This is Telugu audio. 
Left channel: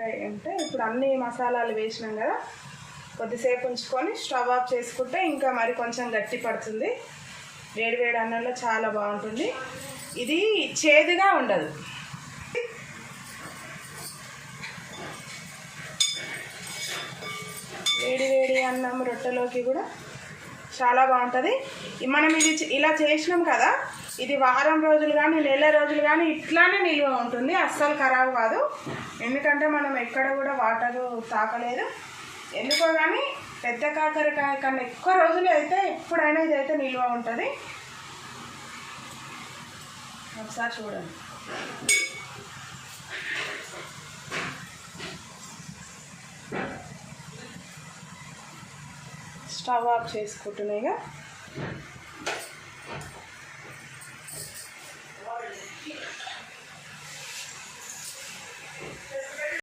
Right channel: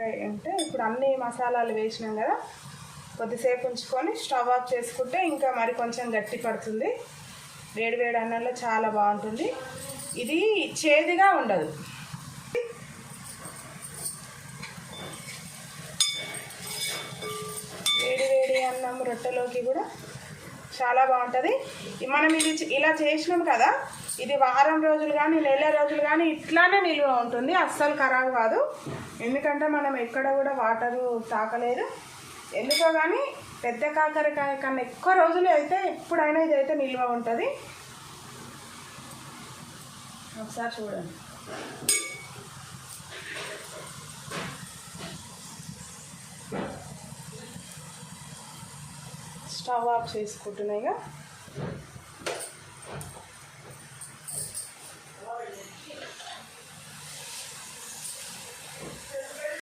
కాకరకాయ అంటే ఇప్పుడు అన్ని మసాలాలు వేసినాం కదా, కొద్దిసేపు ఉంచుకొని స్టవ్ ఆఫ్ చేసుకుంటే ఇంకా మరి కొంచెం గట్టి పడుతుంది. వేడి వేడి అన్నంలో చాలా బాగుంటుంది. ఇది చేదుగా ఉండదు. వేడి వేడి అన్నం రొట్టెలోకి కూడా చాలా బాగుంటుంది. మనం ఇది ఇలా చేసినాం కదా, ఇది వారం రోజులు కానీ నెల రోజులు కానీ ఇట్లానే నిల్వ ఉంటుంది, అస్సలు ఖరాబు కాదు. ఎందుకంటే మనం ఎక్కడ కూడా వాటరు తాకలేదు. ఎందుకో కానీ పెద్ద కాకరకాయ కన్నా ఎక్కువ రోజులు అయితే ఎప్పుడైనా ఇదైతే నిల్వ ఉంటుంది. ఒకసారి చూడండి. Stove off చేసుకుంటున్నాయిగా.